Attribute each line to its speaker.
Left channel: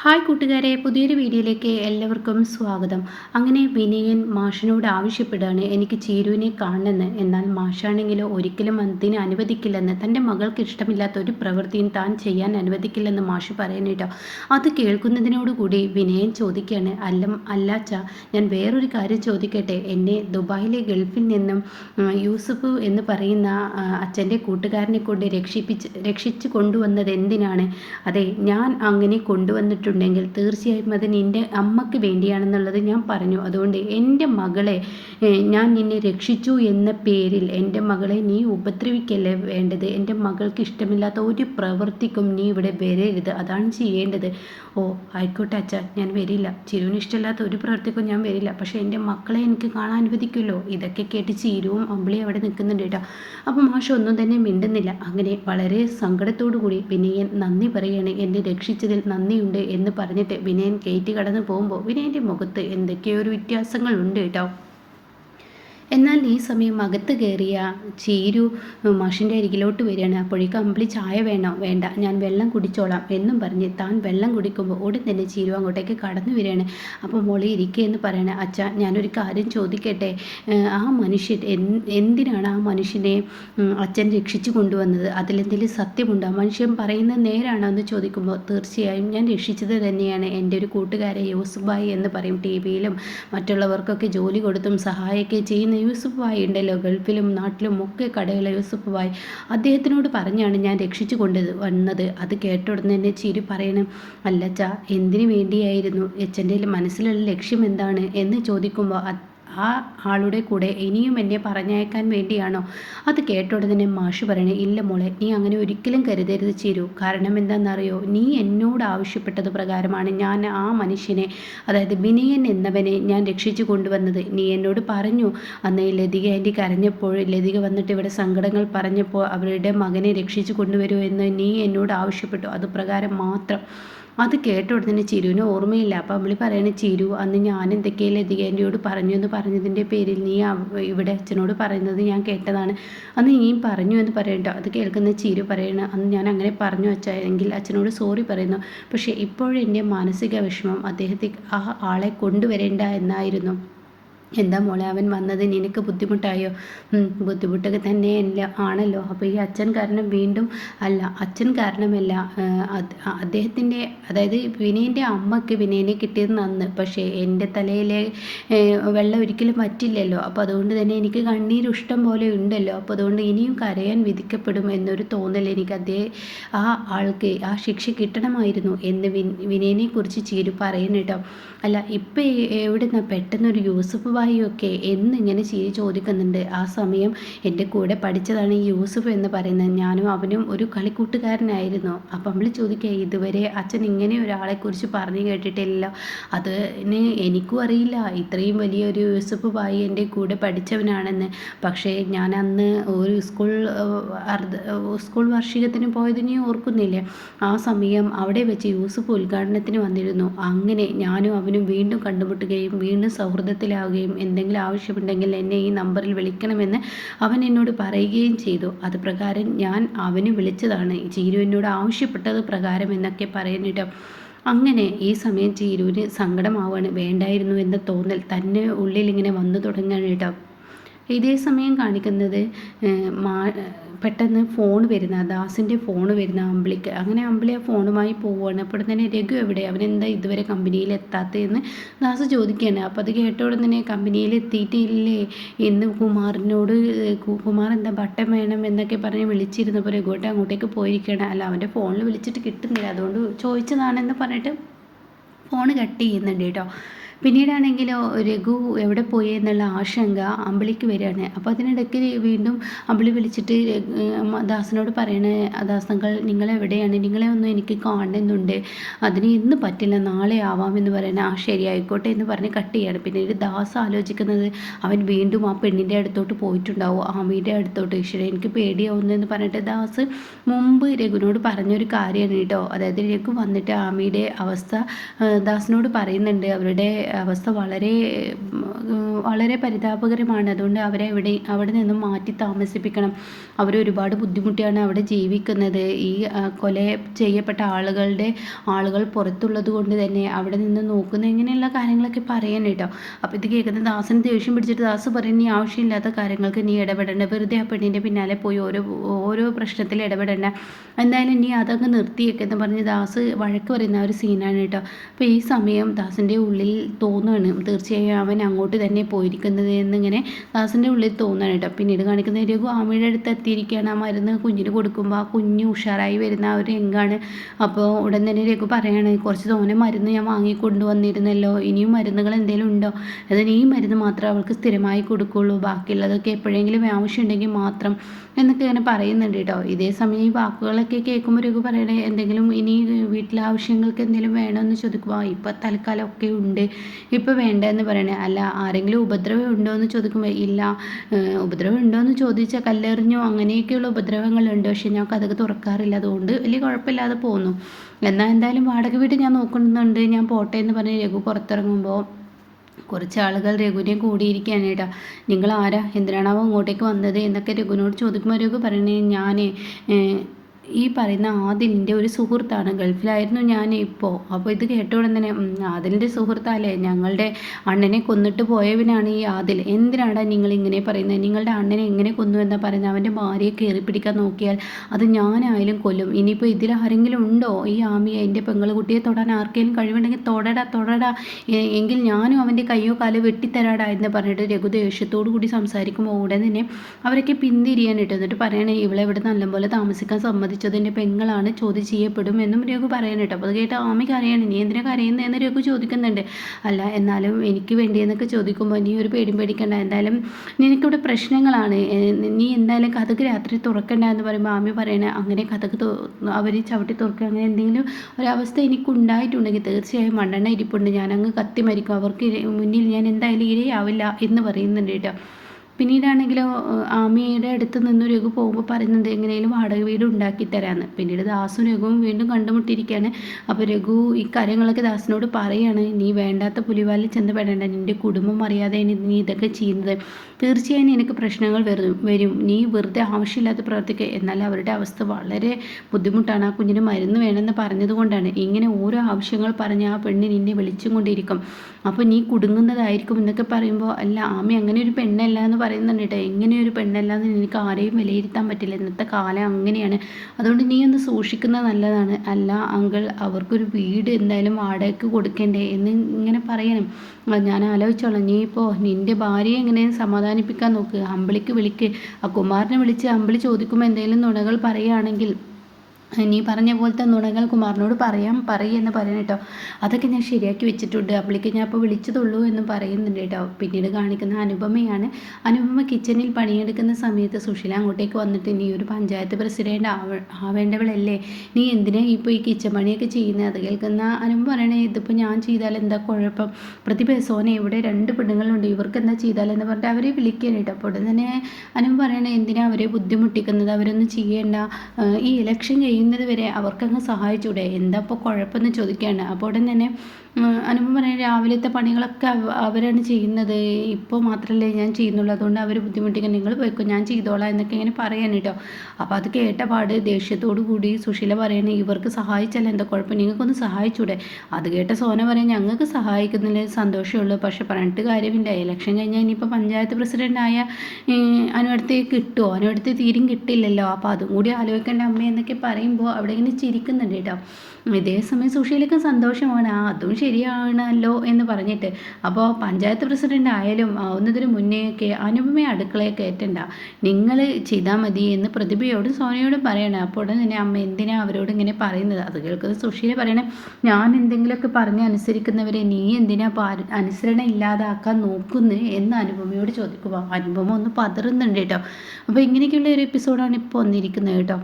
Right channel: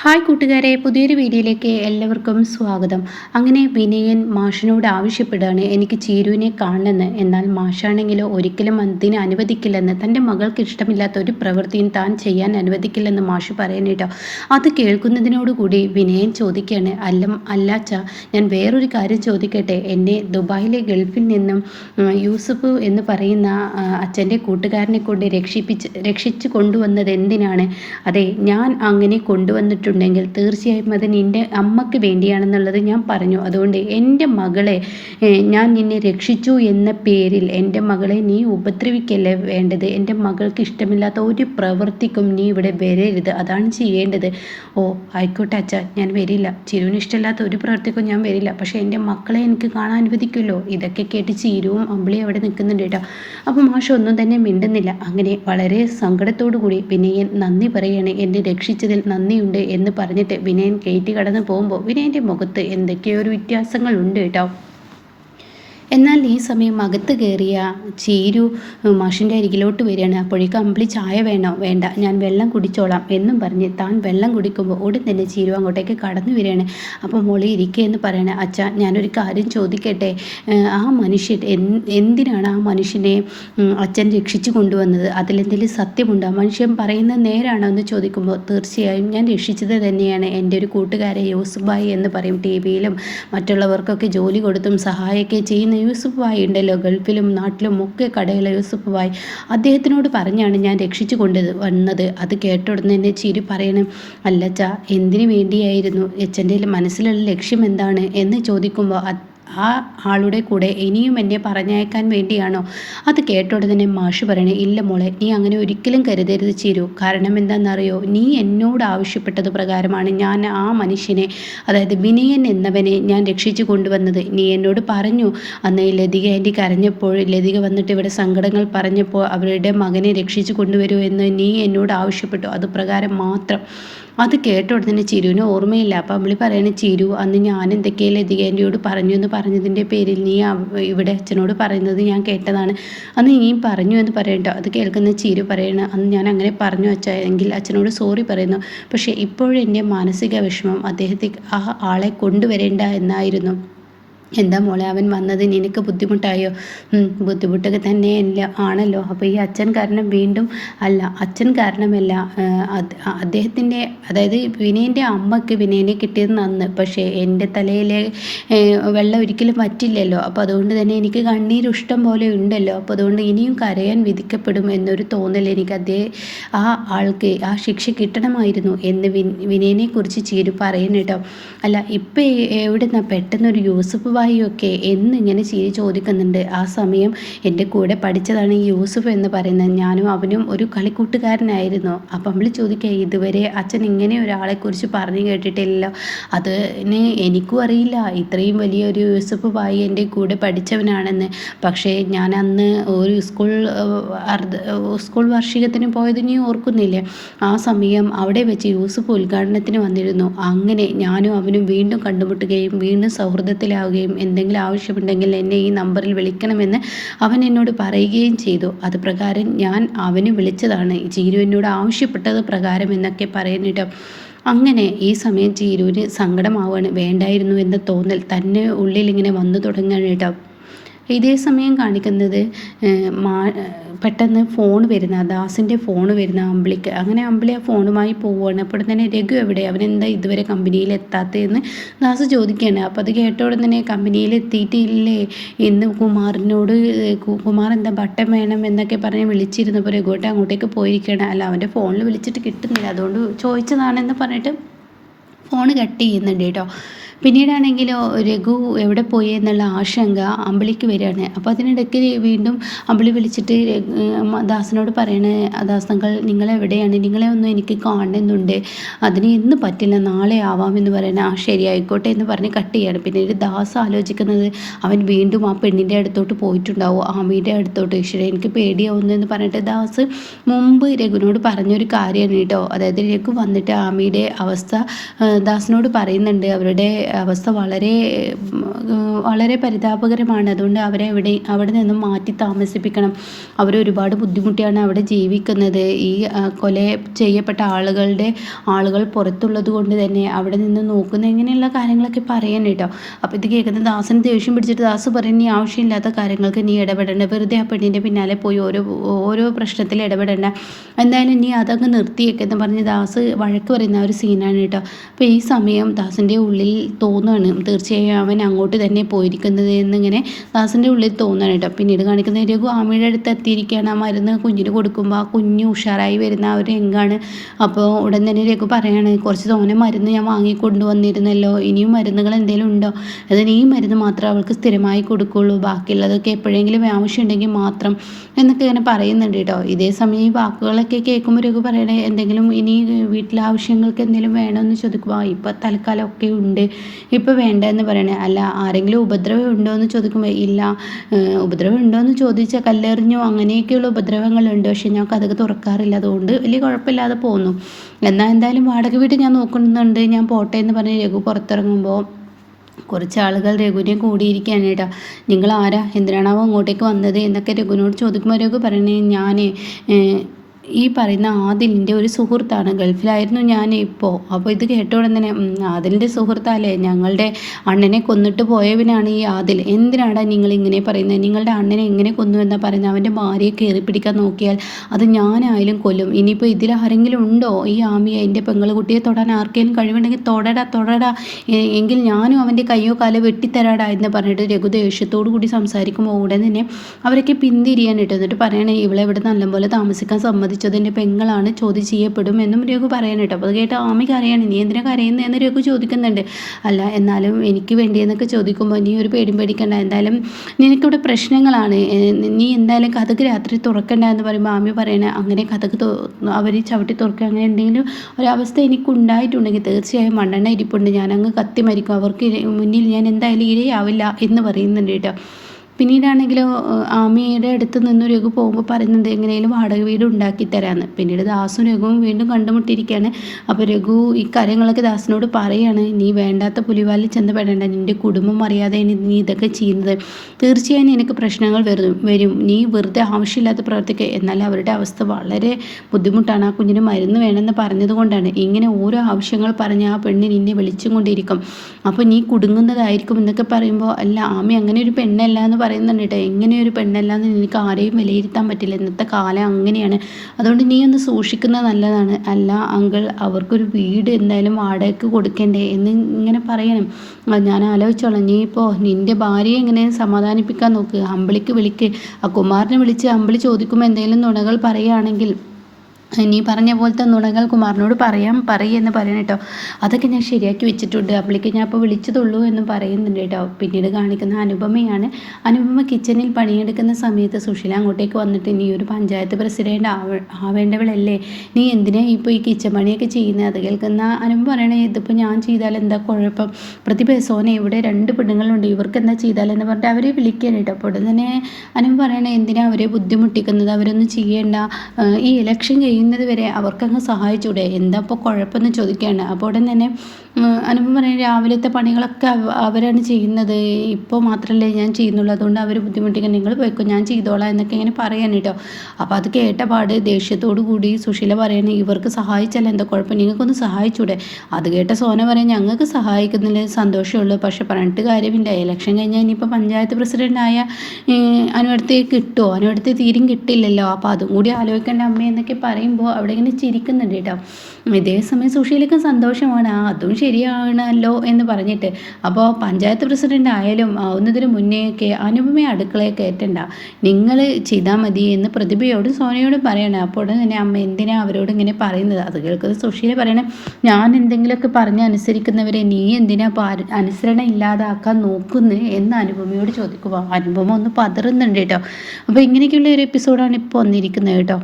Speaker 1: Hi കൂട്ടുകാരെ പുതിയൊരു വീഡിയോയിലേക്ക് എല്ലാവർക്കും സ്വാഗതം. അങ്ങനെ വിനയൻ മാഷിനോട് ആവശ്യപ്പെടുകയാണ് എനിക്ക് ചീരുവിനെ കാണണമെന്ന്. എന്നാൽ മാഷാണെങ്കിലോ ഒരിക്കലും അതിന് അനുവദിക്കില്ലെന്ന്. തന്റെ മകൾക്ക് ഇഷ്ടമില്ലാത്ത ഒരു പ്രവൃത്തിയും താൻ ചെയ്യാൻ അനുവദിക്കില്ലെന്ന് മാഷ് പറയുന്നിട്ടോ അത് കേൾക്കുന്നതിനോടുകൂടി വിനയൻ ചോദിക്കുകയാണ് അല്ല അല്ലാച്ച ഞാൻ വേറൊരു കാര്യം ചോദിക്കട്ടെ? എന്നെ ദുബായിലെ ഗൾഫിൽ നിന്നും യൂസഫ് എന്ന് പറയുന്ന അച്ഛന്റെ കൂട്ടുകാരനെ കൊണ്ട് രക്ഷിപ്പിച്ച് രക്ഷിച്ചു കൊണ്ടുവന്നത് എന്തിനാണ്? അതെ ഞാൻ അങ്ങനെ കൊണ്ടുവന്നിട്ടുണ്ടെങ്കിൽ തീർച്ചയായും അത് നിന്റെ അമ്മയ്ക്ക് വേണ്ടിയാണെന്നുള്ളത് ഞാൻ പറഞ്ഞു. അതുകൊണ്ട് എന്റെ മകളെ ഞാൻ നിന്നെ രക്ഷിച്ചു എന്ന പേരിൽ എന്റെ മകളെ നീ ഉപദ്രവിക്കല്ലേ വേണ്ടത്? എന്റെ മകൾക്ക് ഇഷ്ടമില്ലാത്ത ഒരു പ്രവൃത്തിക്കും നീ ഇവിടെ വരരുത്. അതാണ് ചെയ്യേണ്ടത്. ഓ ആയിക്കോട്ടെ അച്ഛ ഞാൻ വരില്ല. ചിരുവിന് ഇഷ്ടമില്ലാത്ത ഒരു പ്രവൃത്തിക്കും ഞാൻ വരില്ല. പക്ഷേ എന്റെ മക്കളെ എനിക്ക് കാണാൻ അനുവദിക്കുമല്ലോ. ഇതൊക്കെ കേട്ട് ചിരുവും അമ്പിളിയും അവിടെ നിൽക്കുന്നുണ്ട് കേട്ടോ. അപ്പം മാഷ് ഒന്നും തന്നെ മിണ്ടുന്നില്ല. അങ്ങനെ വളരെ സങ്കടത്തോടു കൂടി വിനയൻ നന്ദി പറയാണ്. എന്നെ രക്ഷിച്ചതിൽ നന്ദിയുണ്ട് എന്ന് പറഞ്ഞിട്ട് വിനയൻ കയറ്റി കടന്നു പോകുമ്പോൾ വിനയന്റെ മുഖത്ത് എന്തൊക്കെയോ ഒരു വ്യത്യാസങ്ങളുണ്ട് കേട്ടോ. എന്നാൽ ഈ സമയം അകത്ത് കയറിയ ചീരു മാഷിന്റെ അരികിലോട്ട് വരികയാണ്. അപ്പോഴേക്കും അമ്പിളി ചായ വേണോ? വേണ്ട ഞാൻ വെള്ളം കുടിച്ചോളാം എന്നും പറഞ്ഞ് താൻ വെള്ളം കുടിക്കുമ്പോൾ ഉടൻ തന്നെ ചീരു അങ്ങോട്ടേക്ക് കടന്നു വരികയാണ്. അപ്പോൾ മോളി ഇരിക്കുക എന്ന് പറയണ അച്ഛ ഞാനൊരു കാര്യം ചോദിക്കട്ടെ? ആ മനുഷ്യൻ എന്ത് എന്തിനാണ് ആ മനുഷ്യനെ അച്ഛൻ രക്ഷിച്ചു കൊണ്ടുവന്നത്? അതിലെന്തെങ്കിലും സത്യമുണ്ടോ? മനുഷ്യൻ പറയുന്നത് നേരാണോ എന്ന് ചോദിക്കുമ്പോൾ തീർച്ചയായും ഞാൻ രക്ഷിച്ചത് തന്നെയാണ്. എന്റെ ഒരു കൂട്ടുകാരെ യൂസുബായി എന്ന് പറയും. ടി വിയിലും മറ്റുള്ളവർക്കൊക്കെ ജോലി കൊടുത്തും സഹായമൊക്കെ ചെയ്യുന്ന യൂസുഫ് ഭായി ഉണ്ടല്ലോ ഗൾഫിലും നാട്ടിലും ഒക്കെ കടയുള്ള യൂസുഫ് ഭായി അദ്ദേഹത്തിനോട് പറഞ്ഞാണ് ഞാൻ രക്ഷിച്ചു കൊണ്ട് വന്നത്. അത് കേട്ട ഉടനെ ചിരി പറയണം. അല്ലച്ച എന്തിനു വേണ്ടിയായിരുന്നു? അച്ഛന്റെ മനസ്സിലുള്ള ലക്ഷ്യം എന്താണ്? എന്ന് ചോദിക്കുമ്പോൾ ആ ആളുടെ കൂടെ ഇനിയും എന്നെ പറഞ്ഞയക്കാൻ വേണ്ടിയാണോ? അത് കേട്ടോടെ തന്നെ മാഷ് പറയണേ ഇല്ല മോളെ നീ അങ്ങനെ ഒരിക്കലും കരുതരുത് ചിരു. കാരണം എന്താണെന്നറിയോ? നീ എന്നോട് ആവശ്യപ്പെട്ടത് പ്രകാരമാണ് ഞാൻ ആ മനുഷ്യനെ അതായത് വിനയൻ എന്നവനെ ഞാൻ രക്ഷിച്ചു കൊണ്ടുവന്നത്. നീ എന്നോട് പറഞ്ഞു അന്ന് ലതിക ആന്റി കരഞ്ഞപ്പോൾ ലതിക വന്നിട്ട് ഇവിടെ സങ്കടങ്ങൾ പറഞ്ഞപ്പോൾ അവരുടെ മകനെ രക്ഷിച്ചു കൊണ്ടുവരൂ എന്ന് നീ എന്നോട് ആവശ്യപ്പെട്ടു. അത് പ്രകാരം മാത്രം അത് കേട്ട ഉടനെ ചിരുവിന് ഓർമ്മയില്ല. അപ്പം അമ്മിളി പറയുന്നത് ചിരു അന്ന് ഞാൻ എന്തൊക്കെയല്ലേ ലതികേന്റെയോട് പറഞ്ഞു എന്ന് പറഞ്ഞതിന്റെ പേരിൽ നീ ഇവിടെ അച്ഛനോട് പറയുന്നത് ഞാൻ കേട്ടതാണ്. അന്ന് ഇനിയും പറഞ്ഞു എന്ന് പറയട്ടോ അത് കേൾക്കുന്ന ചിരു പറയണ അന്ന് ഞാൻ അങ്ങനെ പറഞ്ഞു അച്ഛനെങ്കിൽ അച്ഛനോട് സോറി പറയുന്നു. പക്ഷേ ഇപ്പോഴെന്റെ മാനസിക വിഷമം അദ്ദേഹത്തെ ആ ആളെ കൊണ്ടുവരേണ്ട എന്നായിരുന്നു. എന്താ മോളെ അവൻ വന്നത് നിനക്ക് ബുദ്ധിമുട്ടായോ? ബുദ്ധിമുട്ടൊക്കെ തന്നെ അല്ല ആണല്ലോ. അപ്പോൾ ഈ അച്ഛൻ കാരണം വീണ്ടും അല്ല അച്ഛൻ കാരണമല്ല അദ്ദേഹത്തിന്റെ അതായത് വിനയന്റെ അമ്മയ്ക്ക് വിനയനെ കിട്ടിയത് നന്ന്. പക്ഷേ എന്റെ തലയിലെ വെള്ളം ഒരിക്കലും പറ്റില്ലല്ലോ അപ്പോൾ അതുകൊണ്ട് തന്നെ എനിക്ക് കണ്ണീര് ഇഷ്ടം പോലെ ഉണ്ടല്ലോ. അപ്പോൾ അതുകൊണ്ട് ഇനിയും കരയാൻ വിധിക്കപ്പെടും എന്നൊരു തോന്നൽ എനിക്ക് അദ്ദേഹം ആ ആൾക്ക് ആ ശിക്ഷ കിട്ടണമായിരുന്നു എന്ന് വിനയനെക്കുറിച്ച് വിനയനെ കുറിച്ച് ചീരു പറയുന്നു കേട്ടോ അല്ല ഇപ്പം എവിടെ നിന്നാണ് പെട്ടെന്നൊരു യൂസഫ് ബായിയൊക്കെ എന്നിങ്ങനെ ചീരി ചോദിക്കുന്നുണ്ട്. ആ സമയം എന്റെ കൂടെ പഠിച്ചതാണ് യൂസഫ് എന്ന് പറയുന്നത്. ഞാനും അവനും ഒരു കളിക്കൂട്ടുകാരനായിരുന്നു. അപ്പം നമ്മൾ ചോദിക്കുക ഇതുവരെ അച്ഛൻ ഇങ്ങനെ ഒരാളെക്കുറിച്ച് പറഞ്ഞു കേട്ടിട്ടില്ലല്ലോ. അതിന് എനിക്കും അറിയില്ല. ഇത്രയും വലിയൊരു യൂസുഫ് ഭായി എന്റെ കൂടെ പഠിച്ചവനാണെന്ന്. പക്ഷേ ഞാൻ അന്ന് ഒരു സ്കൂൾ സ്കൂൾ വാർഷികത്തിന് പോയത് നീ ഓർക്കുന്നില്ലേ. ആ സമയം അവിടെ വെച്ച് യൂസുഫ് ഉദ്ഘാടനത്തിന് വന്നിരുന്നു. അങ്ങനെ ഞാനും അവനും വീണ്ടും കണ്ടുമുട്ടുകയും വീണ്ടും സൗഹൃദത്തിലാവുകയും എന്തെങ്കിലും ആവശ്യമുണ്ടെങ്കിൽ എന്നെ ഈ നമ്പറിൽ വിളിക്കണമെന്ന് അവൻ എന്നോട് പറയുകയും ചെയ്തു. അത് പ്രകാരം ഞാൻ അവന് വിളിച്ചതാണ്. ചീരു എന്നോട് ആവശ്യപ്പെട്ടത് പ്രകാരം എന്നൊക്കെ പറയുന്നിട്ടോ അങ്ങനെ ഈ സമയം ചീരുവിന് സങ്കടമാവാണ് വേണ്ടായിരുന്നു എന്ന തോന്നൽ തന്നെ ഉള്ളിൽ ഇങ്ങനെ വന്നു തുടങ്ങുകയാണ് കേട്ടോ. ഇതേ സമയം കാണിക്കുന്നത് മാ പെട്ടെന്ന് ഫോൺ വരുന്ന ദാസിന്റെ ഫോൺ വരുന്ന അമ്പിളിക്ക്. അങ്ങനെ അമ്പിളി ആ ഫോണുമായി പോവുകയാണ്. അപ്പോൾ തന്നെ രഘു എവിടെ? അവനെന്താ ഇതുവരെ കമ്പനിയിൽ എത്താത്തതെന്ന് ദാസ് ചോദിക്കുകയാണ്. അപ്പോൾ അത് കേട്ടോടെ തന്നെ കമ്പനിയിൽ എത്തിയിട്ടില്ലേ എന്ന് കുമാറിനോട് കുമാർ എന്താ ബട്ടൻ വേണം എന്നൊക്കെ പറഞ്ഞ് വിളിച്ചിരുന്നപ്പോൾ രഘുവേട്ടൻ അങ്ങോട്ടേക്ക് പോയിരിക്കുകയാണ്. അല്ല അവന്റെ ഫോണിൽ വിളിച്ചിട്ട് കിട്ടുന്നില്ല. അതുകൊണ്ട് ചോദിച്ചതാണെന്ന് പറഞ്ഞിട്ട് ഫോൺ കട്ട് ചെയ്യുന്നുണ്ട് കേട്ടോ. പിന്നീടാണെങ്കിലോ രഘു എവിടെ പോയി എന്നുള്ള ആശങ്ക അമ്പിളിക്ക് വരികയാണ്. അപ്പോൾ അതിനിടയ്ക്ക് വീണ്ടും അമ്പിളി വിളിച്ചിട്ട് ദാസനോട് പറയണേ ദാസങ്ങൾ നിങ്ങളെവിടെയാണ്? നിങ്ങളെ ഒന്നും എനിക്ക് കാണുന്നുണ്ട്. അതിന് ഇന്ന് പറ്റില്ല നാളെ ആവാം എന്ന് പറയണ. ആ ശരി ആയിക്കോട്ടെ എന്ന് പറഞ്ഞ് കട്ട് ചെയ്യാണ്. പിന്നീട് ദാസ് ആലോചിക്കുന്നത് അവൻ വീണ്ടും ആ പെണ്ണിന്റെ അടുത്തോട്ട് പോയിട്ടുണ്ടാവും? ആമിയുടെ അടുത്തോട്ട്. ഈശ്വര എനിക്ക് പേടിയാവുന്നു എന്ന് പറഞ്ഞിട്ട് ദാസ് മുമ്പ് രഘുവിനോട് പറഞ്ഞൊരു കാര്യമാണ് കേട്ടോ. അതായത് രഘു വന്നിട്ട് ആമിയുടെ അവസ്ഥ ദാസിനോട് പറയുന്നുണ്ട്. അവരുടെ അവസ്ഥ വളരെ വളരെ പരിതാപകരമാണ്. അതുകൊണ്ട് അവരെ അവിടെ അവിടെ നിന്നും മാറ്റി താമസിപ്പിക്കണം. അവർ ഒരുപാട് ബുദ്ധിമുട്ടിയാണ് അവിടെ ജീവിക്കുന്നത്. ഈ കൊല ചെയ്യപ്പെട്ട ആളുകളുടെ ആളുകൾ പുറത്തുള്ളത് കൊണ്ട് തന്നെ അവിടെ നിന്ന് നോക്കുന്ന ഇങ്ങനെയുള്ള കാര്യങ്ങളൊക്കെ പറയാൻ കേട്ടോ. അപ്പോൾ ഇത് കേൾക്കുന്ന ദാസന് ദേഷ്യം പിടിച്ചിട്ട് ദാസ് പറയും നീ ആവശ്യമില്ലാത്ത കാര്യങ്ങൾക്ക് നീ ഇടപെടേണ്ട. വെറുതെ ആ പെണ്ണിന്റെ പിന്നാലെ പോയി ഓരോ ഓരോ പ്രശ്നത്തിൽ ഇടപെടേണ്ട. എന്തായാലും നീ അതങ്ങ് നിർത്തിയേക്കെന്ന് പറഞ്ഞ് ദാസ് വഴക്ക് പറയുന്ന ഒരു സീനാണ് കേട്ടോ. അപ്പോൾ ഈ സമയം ദാസിന്റെ ഉള്ളിൽ തോന്നുകയാണ് തീർച്ചയായും അവൻ അങ്ങോട്ട് തന്നെ പോയിരിക്കുന്നത് എന്നിങ്ങനെ ദാസിന്റെ ഉള്ളിൽ തോന്നുകയാണ് കേട്ടോ. പിന്നീട് കാണിക്കുന്ന രഘു ആമയുടെ അടുത്ത് എത്തിയിരിക്കുകയാണ്. ആ മരുന്ന് കുഞ്ഞിന് കൊടുക്കുമ്പോൾ ആ കുഞ്ഞ് ഉഷാറായി വരുന്ന ആ ഒരു രംഗാണ്. അപ്പോൾ ഉടൻ തന്നെ രഘു പറയാണ് കുറച്ച് തോനെ മരുന്ന് ഞാൻ വാങ്ങിക്കൊണ്ടുവന്നിരുന്നല്ലോ. ഇനിയും മരുന്നുകൾ എന്തെങ്കിലും ഉണ്ടോ? അതിന് ഈ മരുന്ന് മാത്രമേ അവൾക്ക് സ്ഥിരമായി കൊടുക്കുള്ളൂ. ബാക്കിയുള്ളതൊക്കെ എപ്പോഴെങ്കിലും ആവശ്യമുണ്ടെങ്കിൽ മാത്രം. എന്നൊക്കെ ഇങ്ങനെ പറയുന്നുണ്ട് കേട്ടോ. ഇതേ സമയം ഈ വാക്കുകളൊക്കെ കേൾക്കുമ്പോൾ രഘു പറയണേ എന്തെങ്കിലും ഇനി വീട്ടിലെ ആവശ്യങ്ങൾക്ക് എന്തെങ്കിലും വേണമെന്ന് ചോദിക്കുമ്പോൾ ഇപ്പം തൽക്കാലം ഒക്കെ ഉണ്ട്. ഇപ്പം വേണ്ടെന്ന് പറയണേ. അല്ല ആരെങ്കിലും ഉപദ്രവം ഉണ്ടോ എന്ന് ചോദിക്കുമ്പോൾ ഇല്ല ഉപദ്രവം ഉണ്ടോ എന്ന് ചോദിച്ചാൽ കല്ലെറിഞ്ഞോ? അങ്ങനെയൊക്കെയുള്ള ഉപദ്രവങ്ങളുണ്ട്. പക്ഷേ ഞങ്ങൾക്ക് അതൊക്കെ തുറക്കാറില്ല. അതുകൊണ്ട് വലിയ കുഴപ്പമില്ലാതെ പോകുന്നു എന്നാൽ എന്തായാലും വാടക വീട് ഞാൻ നോക്കുന്നുണ്ട്. ഞാൻ പോട്ടെ എന്ന് പറഞ്ഞ് രഘു പുറത്തിറങ്ങുമ്പോൾ കുറച്ച് ആളുകൾ രഘുവിനെ കൂടിയിരിക്കുകയാണ് കേട്ടോ. നിങ്ങൾ ആരാ എന്തിനാണാവോ അങ്ങോട്ടേക്ക് വന്നത്? എന്നൊക്കെ രഘുവിനോട് ചോദിക്കുമ്പോൾ രഘു പറയണേ ഞാൻ ഈ പറയുന്ന ആദിലിന്റെ ഒരു സുഹൃത്താണ്. ഗൾഫിലായിരുന്നു ഞാൻ ഇപ്പോൾ അപ്പോൾ ഇത് കേട്ടോടെ തന്നെ ആദിലിന്റെ സുഹൃത്താലേ ഞങ്ങളുടെ അണ്ണനെ കൊന്നിട്ട് പോയവനാണ് ഈ ആദിൽ. എന്തിനാണ് നിങ്ങൾ ഇങ്ങനെ പറയുന്നത്? നിങ്ങളുടെ അണ്ണനെ എങ്ങനെ കൊന്നു എന്നാ പറയുന്നത്? അവന്റെ ഭാര്യയെ കയറി പിടിക്കാൻ നോക്കിയാൽ അത് ഞാനായാലും കൊല്ലും. ഇനിയിപ്പോൾ ഇതിൽ ആരെങ്കിലും ഉണ്ടോ? ഈ ആമിയെ എന്റെ പെങ്ങളുകുട്ടിയെ തൊടാൻ ആർക്കെങ്കിലും കഴിവുണ്ടെങ്കിൽ തൊടടാ തൊടടാ. എങ്കിൽ ഞാനും അവന്റെ കയ്യോ കാലോ വെട്ടിത്തരാടാ എന്ന് പറഞ്ഞിട്ട് രഘു ദേഷ്യത്തോടു കൂടി സംസാരിക്കുമ്പോൾ ഉടൻ തന്നെ അവരൊക്കെ പിന്തിരിയാനിട്ട് എന്നിട്ട് പറയണേ ഇവളെ ഇവിടെ നല്ലപോലെ താമസിക്കാൻ സമ്മതിച്ചു മരിച്ചതിന്റെ പെങ്ങളാണ് ചോദ്യം ചെയ്യപ്പെടും എന്നും രഘു പറയണം കേട്ടോ അപ്പോൾ അത് കേട്ട് ആമയ്ക്ക് അറിയാണ് നീ എന്തിനാ കരയുന്നതെന്ന് രഘു ചോദിക്കുന്നുണ്ട്. അല്ല എന്നാലും എനിക്ക് വേണ്ടിയെന്നൊക്കെ ചോദിക്കുമ്പോൾ നീ ഒരു പേടിയും പേടിക്കണ്ട. എന്തായാലും നിനക്കിവിടെ പ്രശ്നങ്ങളാണ്. നീ എന്തായാലും കഥക്ക് രാത്രി തുറക്കണ്ട എന്ന് പറയുമ്പോൾ ആമി പറയണേ അങ്ങനെ കഥക്ക് അവർ ചവിട്ടി തുറക്കുക അങ്ങനെ എന്തെങ്കിലും ഒരവസ്ഥ എനിക്കുണ്ടായിട്ടുണ്ടെങ്കിൽ തീർച്ചയായും മണ്ണെണ്ണ ഇരിപ്പുണ്ട്. ഞാനങ്ങ് കത്തി മരിക്കും. അവർക്ക് മുന്നിൽ ഞാൻ എന്തായാലും ഇരയാവില്ല എന്ന് പറയുന്നുണ്ട് കേട്ടോ. പിന്നീടാണെങ്കിലോ ആമിയുടെ അടുത്ത് നിന്ന് രഘു പോകുമ്പോൾ പറയുന്നുണ്ട് എങ്ങനെയും വാടക വീട് ഉണ്ടാക്കി തരാമെന്ന് പിന്നീട് ദാസും രഘുവും വീണ്ടും കണ്ടുമുട്ടിയിരിക്കുകയാണ് അപ്പോൾ രഘു ഈ കാര്യങ്ങളൊക്കെ ദാസിനോട് പറയുകയാണ് നീ വേണ്ടാത്ത പുലിവാലിൽ ചെന്ന് പെടേണ്ട. നിന്റെ കുടുംബം അറിയാതെ നീ ഇതൊക്കെ ചെയ്യുന്നത്. തീർച്ചയായും എനിക്ക് പ്രശ്നങ്ങൾ വരും വരും. നീ വെറുതെ ആവശ്യമില്ലാത്ത പ്രവർത്തിക്കുക എന്നാൽ അവരുടെ അവസ്ഥ വളരെ ബുദ്ധിമുട്ടാണ്. ആ കുഞ്ഞിന് മരുന്ന് വേണമെന്ന് പറഞ്ഞതുകൊണ്ടാണ്. ഇങ്ങനെ ഓരോ ആവശ്യങ്ങൾ പറഞ്ഞ് ആ പെണ്ണ് നിന്നെ വിളിച്ചും കൊണ്ടിരിക്കും. അപ്പോൾ നീ കുടുങ്ങുന്നതായിരിക്കും എന്നൊക്കെ പറയുമ്പോൾ അല്ല ആമി അങ്ങനെ ഒരു പെണ്ണല്ല എന്ന് പറയുന്നുണ്ട് കേട്ടോ ഒരു പെണ്ണല്ലാന്ന് നിനക്ക് ആരെയും വിലയിരുത്താൻ പറ്റില്ല. ഇന്നത്തെ കാലം അങ്ങനെയാണ്. അതുകൊണ്ട് നീ ഒന്ന് സൂക്ഷിക്കുന്നത് നല്ലതാണ്. അല്ല അങ്കിൾ അവർക്കൊരു വീട് എന്തായാലും വാടകയ്ക്ക് കൊടുക്കണ്ടേ? എന്ന് ഇങ്ങനെ പറയണം. ഞാൻ ആലോചിച്ചോളാം. നീ ഇപ്പോൾ നിന്റെ ഭാര്യയെ എങ്ങനെ സമാധാനിപ്പിക്കാൻ നോക്ക്? അമ്പിളിക്ക് വിളിക്ക്. ആ കുമാറിനെ വിളിച്ച് അമ്പിളി ചോദിക്കുമ്പോൾ എന്തെങ്കിലും നുണകൾ പറയുകയാണെങ്കിൽ നീ പറഞ്ഞ പോലത്തെ നുണകൾ കുമാറിനോട് പറയാം പറയെന്ന് പറയണം കേട്ടോ. അതൊക്കെ ഞാൻ ശരിയാക്കി വെച്ചിട്ടുണ്ട്. അപ്പോഴേക്ക് ഞാൻ അപ്പോൾ വിളിച്ചതുള്ളൂ എന്ന് പറയുന്നുണ്ട് കേട്ടോ. പിന്നീട് കാണിക്കുന്ന അനുപമയാണ്. അനുപമ കിച്ചണിൽ പണിയെടുക്കുന്ന സമയത്ത് സുശീല അങ്ങോട്ടേക്ക് വന്നിട്ട് നീ ഒരു പഞ്ചായത്ത് പ്രസിഡന്റ് ആവ ആവേണ്ടവളല്ലേ? നീ എന്തിനാ ഇപ്പോൾ ഈ കിച്ചൺ പണിയൊക്കെ ചെയ്യുന്നത്? അത് കേൾക്കുന്ന അനുപമ പറയണേ ഇതിപ്പോൾ ഞാൻ ചെയ്താൽ എന്താ കുഴപ്പം? പ്രതിഭ സോന ഇവിടെ രണ്ട് പെണ്ണുങ്ങളുണ്ട്. ഇവർക്ക് എന്താ ചെയ്താലെന്ന് പറഞ്ഞിട്ട് അവരെ വിളിക്കാൻ കേട്ടോ. അപ്പോൾ തന്നെ അനുപമ പറയണേ എന്തിനാ അവരെ ബുദ്ധിമുട്ടിക്കുന്നത്? അവരൊന്നും ചെയ്യേണ്ട. ഈ ഇലക്ഷൻ കഴിയുന്നത് വരെ അവർക്കങ്ങ് സഹായിച്ചൂടെ? എന്താ ഇപ്പോൾ കുഴപ്പമെന്ന് ചോദിക്കുകയാണ് അപ്പോൾ ഉടൻ തന്നെ അനുപം പറയും രാവിലത്തെ പണികളൊക്കെ അവരാണ് ചെയ്യുന്നത്. ഇപ്പോൾ മാത്രമല്ലേ ഞാൻ ചെയ്യുന്നുള്ളൂ. അതുകൊണ്ട് അവർ ബുദ്ധിമുട്ടിക്കാൻ നിങ്ങൾ പോയിക്കോ ഞാൻ ചെയ്തോളാം എന്നൊക്കെ ഇങ്ങനെ പറയാൻ കേട്ടോ. അപ്പോൾ അത് കേട്ട പാട് ദേഷ്യത്തോടു കൂടി സുശീല പറയുന്നത് ഇവർക്ക് സഹായിച്ചാൽ എന്താ കുഴപ്പം? നിങ്ങൾക്കൊന്ന് സഹായിച്ചൂടെ? അത് കേട്ട സോന പറയാൻ ഞങ്ങൾക്ക് സഹായിക്കുന്നില്ല സന്തോഷമുള്ളൂ പക്ഷെ പറഞ്ഞിട്ട് കാര്യമില്ല. ഇലക്ഷൻ കഴിഞ്ഞാൽ ഇനിയിപ്പോൾ പഞ്ചായത്ത് പ്രസിഡന്റായ അനുവടുത്തേക്ക് കിട്ടുമോ അനുവടുത്ത് തീരും കിട്ടില്ലല്ലോ. അപ്പോൾ അതും കൂടി ആലോചിക്കേണ്ട അമ്മ എന്നൊക്കെ പറയുമ്പോൾ അവിടെ ഇങ്ങനെ ചിരിക്കുന്നുണ്ട് കേട്ടോ. ഇതേ സമയം സുശീലയ്ക്കും സന്തോഷമാണ്. ആ അതും ശരിയാണല്ലോ എന്ന് പറഞ്ഞിട്ട്. അപ്പോൾ പഞ്ചായത്ത് പ്രസിഡന്റ് ആയാലും ആവുന്നതിന് മുന്നേയൊക്കെ അനുപമയെ അടുക്കളയെ കയറ്റണ്ട. നിങ്ങൾ ചെയ്താൽ മതി എന്ന് പ്രതിഭയോടും സോനയോടും പറയണം. അപ്പോൾ ഉടൻ തന്നെ അമ്മ എന്തിനാ അവരോട് ഇങ്ങനെ പറയുന്നത്? അത് കേൾക്കുന്നത് സുശീല പറയണം ഞാൻ എന്തെങ്കിലുമൊക്കെ പറഞ്ഞ് അനുസരിക്കുന്നവരെ നീ എന്തിനാ അനുസരണം ഇല്ലാതാക്കാൻ നോക്കുന്നു? എന്ന് അനുപമയോട് ചോദിക്കുക അനുപമ ഒന്ന് പതറുന്നുണ്ട് കേട്ടോ. അപ്പോൾ ഇങ്ങനെയൊക്കെയുള്ള ഒരു എപ്പിസോഡാണ് ഇപ്പോൾ വന്നിരിക്കുന്നത് കേട്ടോ.